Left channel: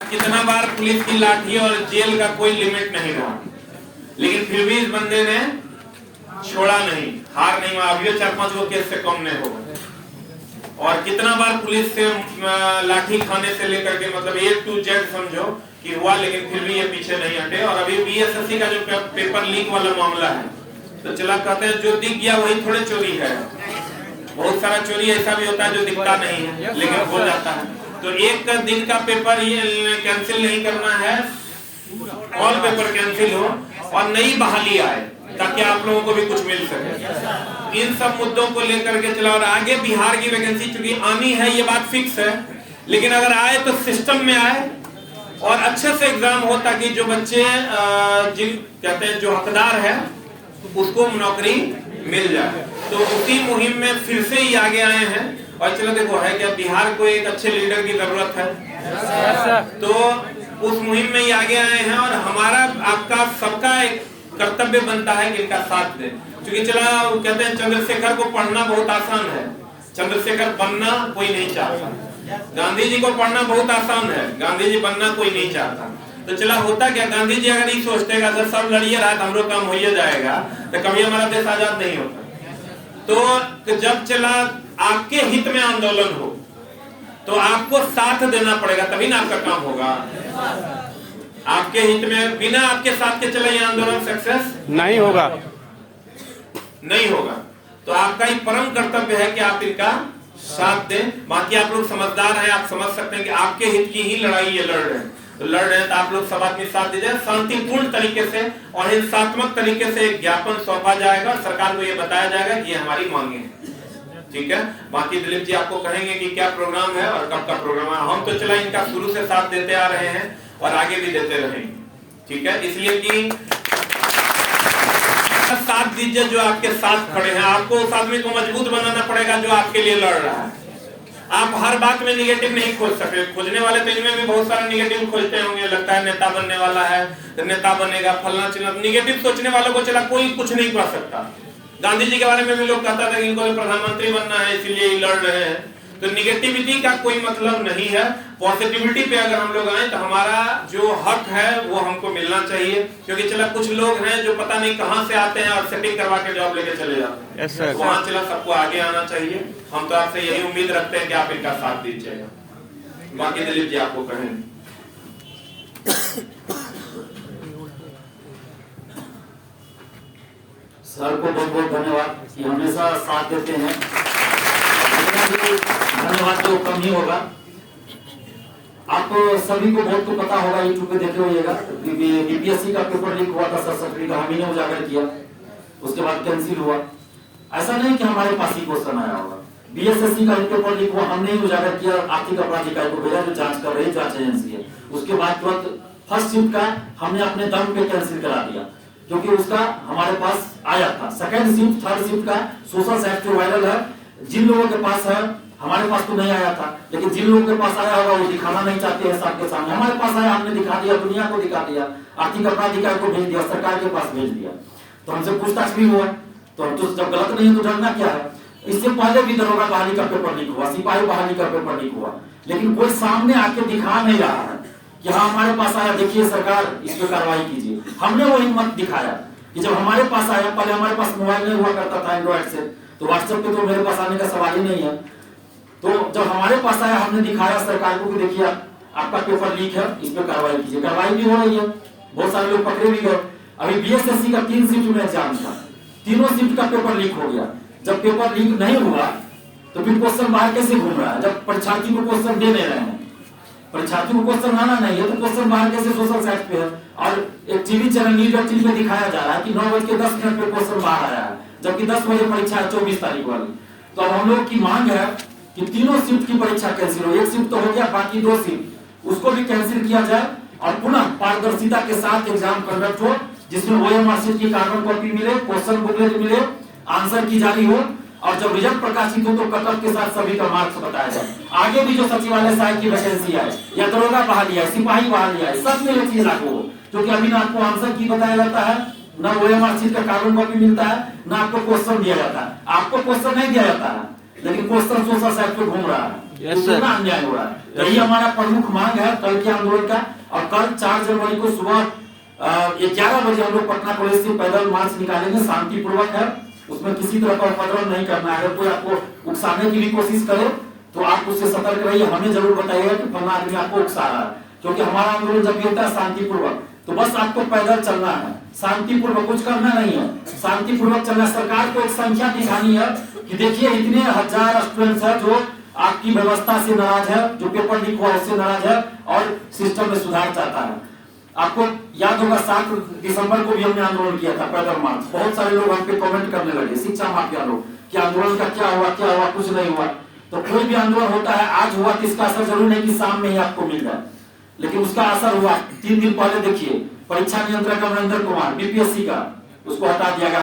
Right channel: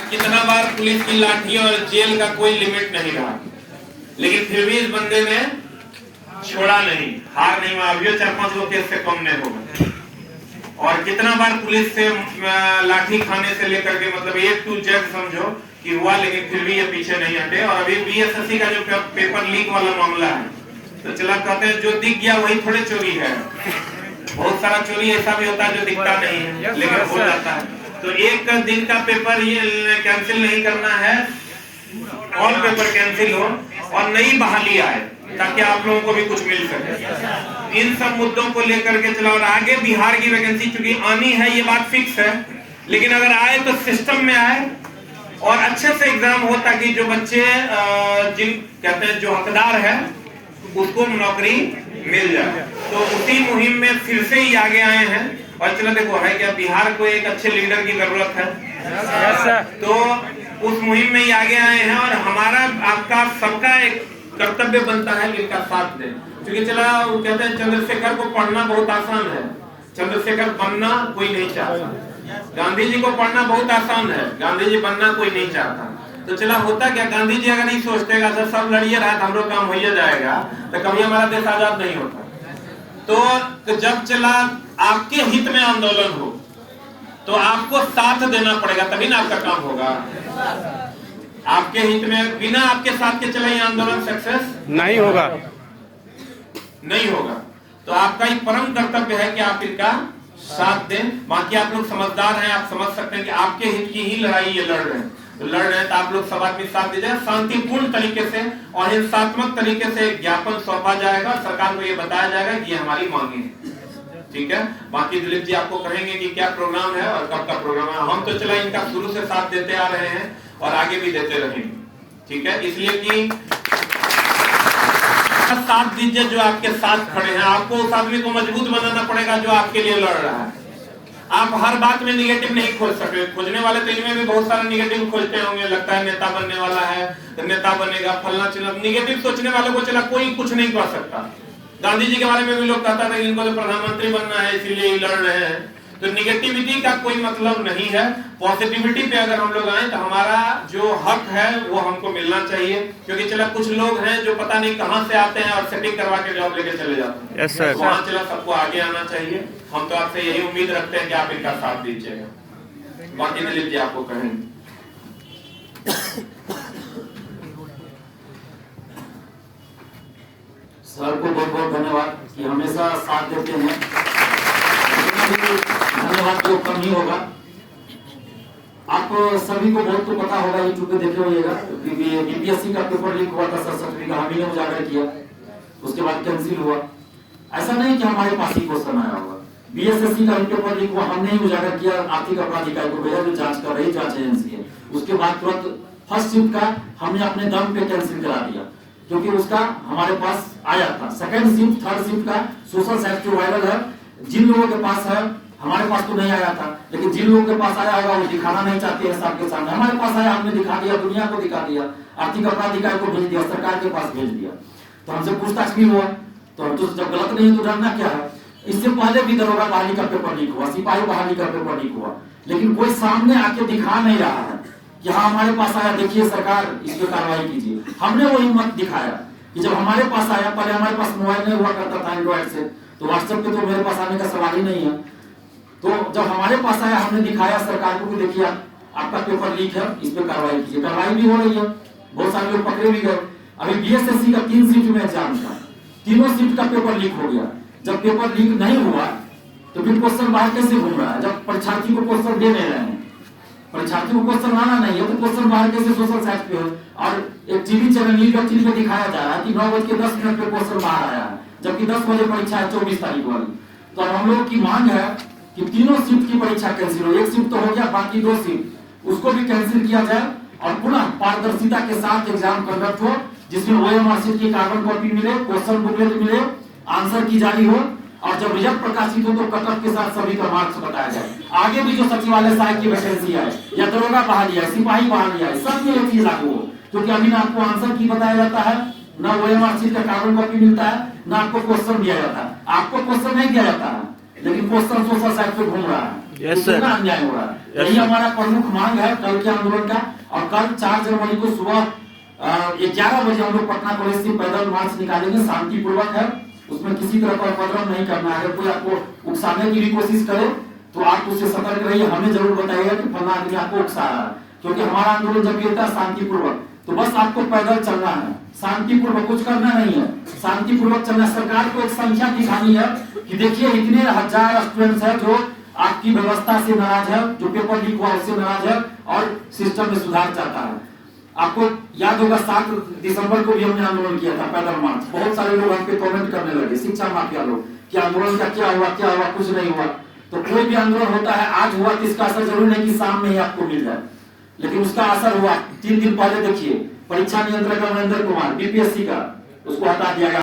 कितना बार पुलिस की लाठी और जेल का कोई लिमिट नहीं रहा, लेकिन फिर भी इस बंदे ने छोड़ा नहीं, हार नहीं माना। अभी 4-5 लोग केस से कम नहीं हो गए। और कितना बार पुलिस से लाठी खाने से लेकर के मतलब A to Z समझो कि हुआ, लेकिन फिर भी ये पीछे नहीं हटे। और अभी BSSC का जो पेपर लीक वाला मामला है, तो चला कहते हैं जो दिख गया वही थोड़े चोरी है। बहुत सारा चोरी ऐसा भी होता है जो दिखता नहीं है लेकिन हो जाता है। तो एक दिन का पेपर ये कैंसिल नहीं करना है, ऑल पेपर कैंसिल हो और नई बहाली आए ताकि आप लोगों को भी कुछ मिल सके। इन सब मुद्दों को लेकर के चला। और आगे बिहार की वैकेंसी चूंकि आनी है ये बात फिक्स है, लेकिन अगर आए तो सिस्टम में आए और अच्छे से एग्जाम हो ताकि जो बच्चे जिन कहते हैं जो हकदार है उसको नौकरी मिल जाए। तो उसी मुहिम में फिर से ही आगे आए हैं। और चलो देखो है क्या, बिहार को एक अच्छे लीडर की जरूरत है, तो उस मुहिम में ही आगे आए हैं। और हमारा आपका सबका एक कर्तव्य बनता है कि इनका साथ दें। क्योंकि चला वो कहते हैं चंद्रशेखर को पढ़ना बहुत आसान है, चंद्रशेखर बनना कोई नहीं चाहता। गांधी जी को पढ़ना बहुत आसान है, गांधी जी बनना कोई नहीं चाहता। तो चला होता क्या, गांधी जी अगर ये सोचते अगर सब लड़िए रहा तो हमरो काम हो जाएगा तो कभी हमारा देश आजाद नहीं होता। तो जब चला आपके हित में आंदोलन हो तो आपको साथ देना पड़ेगा, तभी ना आपका काम होगा। आपके हित में बिना आपके साथ के चले ये आंदोलन सक्सेस नहीं होगा, नहीं होगा। तो आपका एक परम कर्तव्य है कि आप इनका साथ दें। बाकी आप लोग समझदार हैं, आप समझ सकते हैं कि आपके हित की ही लड़ाई ये लड़ रहे हैं। तो लड़ रहे हैं तो आप लोग सब आदमी साथ दीजिए शांतिपूर्ण तरीके से, और हिंसात्मक तरीके से एक ज्ञापन सौंपा जाएगा, सरकार को ये बताया जाएगा कि ये हमारी मांगे हैं। ठीक है, बाकी दिलीप जी आपको कहेंगे कि क्या प्रोग्राम है और कब का प्रोग्राम है। हम तो चला इनका शुरू से साथ देते आ रहे हैं और आगे भी देते रहेंगे। ठीक है, इसलिए कि साथ दीजिए जो आपके साथ खड़े हैं। आपको उस आदमी को मजबूत बनाना पड़ेगा जो आपके लिए लड़ रहा है। आप हर बात में निगेटिव नहीं खोज सकते। खोजने वाले तो इनमें भी बहुत सारा निगेटिव खोजते होंगे, लगता है नेता बनने वाला है तो नेता बनेगा फलना चिल्ला। निगेटिव सोचने वालों को चला कोई कुछ नहीं कर सकता। गांधी जी के बारे में भी लोग कहता था इनको तो प्रधानमंत्री बनना है इसीलिए लड़ रहे हैं। तो निगेटिविटी का कोई मतलब नहीं है। पॉजिटिविटी पे अगर हम लोग आए तो हमारा जो हक है वो हमको मिलना चाहिए। क्योंकि चला कुछ लोग हैं जो पता नहीं कहां से आते हैं और सेटिंग करवा के जॉब लेके चले जाते हैं। yes, sir, वहां चला सबको आगे आना चाहिए। हम तो आपसे यही उम्मीद रखते हैं कि आप इनका साथ दीजिएगा। बाकी दिलीप जी आपको कहें। सर को बहुत बहुत धन्यवाद कि हमेशा साथ देते हैं। धन्यवाद तो कम ही होगा। आप सभी को बहुत तो पता होगा, यूट्यूब पे देखे होइएगा बीपीएससी का पेपर लीक हुआ था, सरस्वती का हामी ने उजागर किया, उसके बाद कैंसिल हुआ। ऐसा नहीं कि हमारे पास ही क्वेश्चन आया हुआ, बीएसएससी का पेपर लीक हुआ, हमने ही उजागर किया, आर्थिक अपराध इकाई को भेजा जो जांच कर रही जांच एजेंसी है। उसके बाद तुरंत फर्स्ट शिफ्ट का हमने अपने दम पे कैंसिल करा दिया क्योंकि उसका हमारे पास आया था। सेकंड शिफ्ट थर्ड शिफ्ट का सोशल साइट जो वायरल है, जिन लोगों के पास है, हमारे पास तो नहीं आया था, लेकिन जिन लोगों के पास आया होगा वो दिखाना नहीं चाहते हैं सबके सामने। हमारे पास आया, हमने दिखा दिया, दुनिया को दिखा दिया, आर्थिक अपराध इकाई को भेज दिया, सरकार के पास भेज दिया। तो हमसे पूछताछ भी हुआ। तो हम तो जब गलत नहीं तो डरना क्या है। इससे पहले भी दरोगा बहाली का पेपर लीक हुआ, सिपाही बहाली का पेपर लीक हुआ, लेकिन कोई सामने आके दिखा नहीं रहा है कि हाँ हमारे पास आया, देखिए सरकार इस पे कार्रवाई कीजिए। हमने वो हिम्मत दिखाया कि जब हमारे पास आया, पहले हमारे पास मोबाइल नहीं हुआ करता था एंड्रॉइड से, तो व्हाट्सएप पे तो मेरे पास आने का सवाल ही नहीं है। तो जब हमारे पास आया हमने दिखाया सरकार को कि देखिए आपका पेपर लीक है, इस पे कार्रवाई कीजिए। कार्रवाई भी हो रही है, बहुत सारे लोग पकड़े भी गए। अभी बीएसएससी का 3 शिफ्ट में एग्जाम था, तीनों शिफ्ट का पेपर लीक हो गया। जब पेपर लीक नहीं हुआ तो फिर क्वेश्चन बाहर कैसे घूम रहा है, जब परीक्षार्थी को क्वेश्चन दे नहीं रहे हैं, परीक्षार्थी को क्वेश्चन आना नहीं है तो क्वेश्चन बाहर कैसे सोशल साइट पे है। और एक टीवी चैनल न्यूज 18 में दिखाया जा रहा है कि 9:10 पे क्वेश्चन बाहर आया है, जबकि 10 बजे परीक्षा है 24 तारीख वाली। तो अब हम लोग की मांग है कि तीनों शिफ्ट की परीक्षा कैंसिल हो। एक शिफ्ट तो हो गया, बाकी 2 शिफ्ट उसको भी कैंसिल किया जाए और पुनः पारदर्शिता के साथ एग्जाम कंडक्ट हो, जिसमें OMR शीट की कार्बन कॉपी मिले, क्वेश्चन बुकलेट मिले, आंसर की जारी हो, और जब रिजल्ट प्रकाशित हो तो कटअप के साथ सभी का मार्क्स बताया जाए। आगे भी जो सचिवालय सहायक की वैकेंसी है या दरोगा बहाली है, सिपाही बहाली है, सब में ये चीज लागू हो। क्योंकि अभी ना आपको आंसर की बताया जाता है, ना OMR शीट का कार्बन कॉपी मिलता है, ना आपको क्वेश्चन दिया जाता है। आपको क्वेश्चन नहीं दिया जाता है लेकिन क्वेश्चन सोशल साइड पे घूम रहा है। यस सर, अन्याय हो रहा है। यही हमारा प्रमुख मांग है कल के आंदोलन का। और कल 4 जनवरी को सुबह 11 बजे हम लोग पटना कॉलेज से पैदल मार्च निकालेंगे, शांतिपूर्वक है, उसमें किसी तरह का उपद्रव नहीं करना है। अगर कोई आपको उकसाने की भी कोशिश करे तो आप उससे सतर्क रहिए, हमें जरूर बताइएगा कि फलना आदमी आपको उकसा रहा है, क्योंकि हमारा आंदोलन जब भी होता है शांतिपूर्वक। तो बस आपको पैदल चलना है, शांतिपूर्वक, कुछ करना नहीं है, शांतिपूर्वक चलना। सरकार को एक संख्या दिखानी है कि देखिए इतने हजार स्टूडेंट्स है जो आपकी व्यवस्था से नाराज है, जो पेपर लीक हुआ उससे नाराज है और सिस्टम में सुधार चाहता है। आपको याद होगा 7 दिसंबर को भी हमने आंदोलन किया था पैदल मार्च। बहुत सारे लोग हम पे कमेंट करने लगे, शिक्षा माफिया लोग, कि आंदोलन का क्या हुआ, कुछ नहीं हुआ। तो कोई भी आंदोलन होता है, आज हुआ तो इसका असर जरूर नहीं कि शाम में ही आपको मिल जाए, लेकिन उसका असर हुआ। 3 दिन पहले देखिए परीक्षा नियंत्रक अमरिंदर कुमार बीपीएससी का, उसको हटा दिया गया।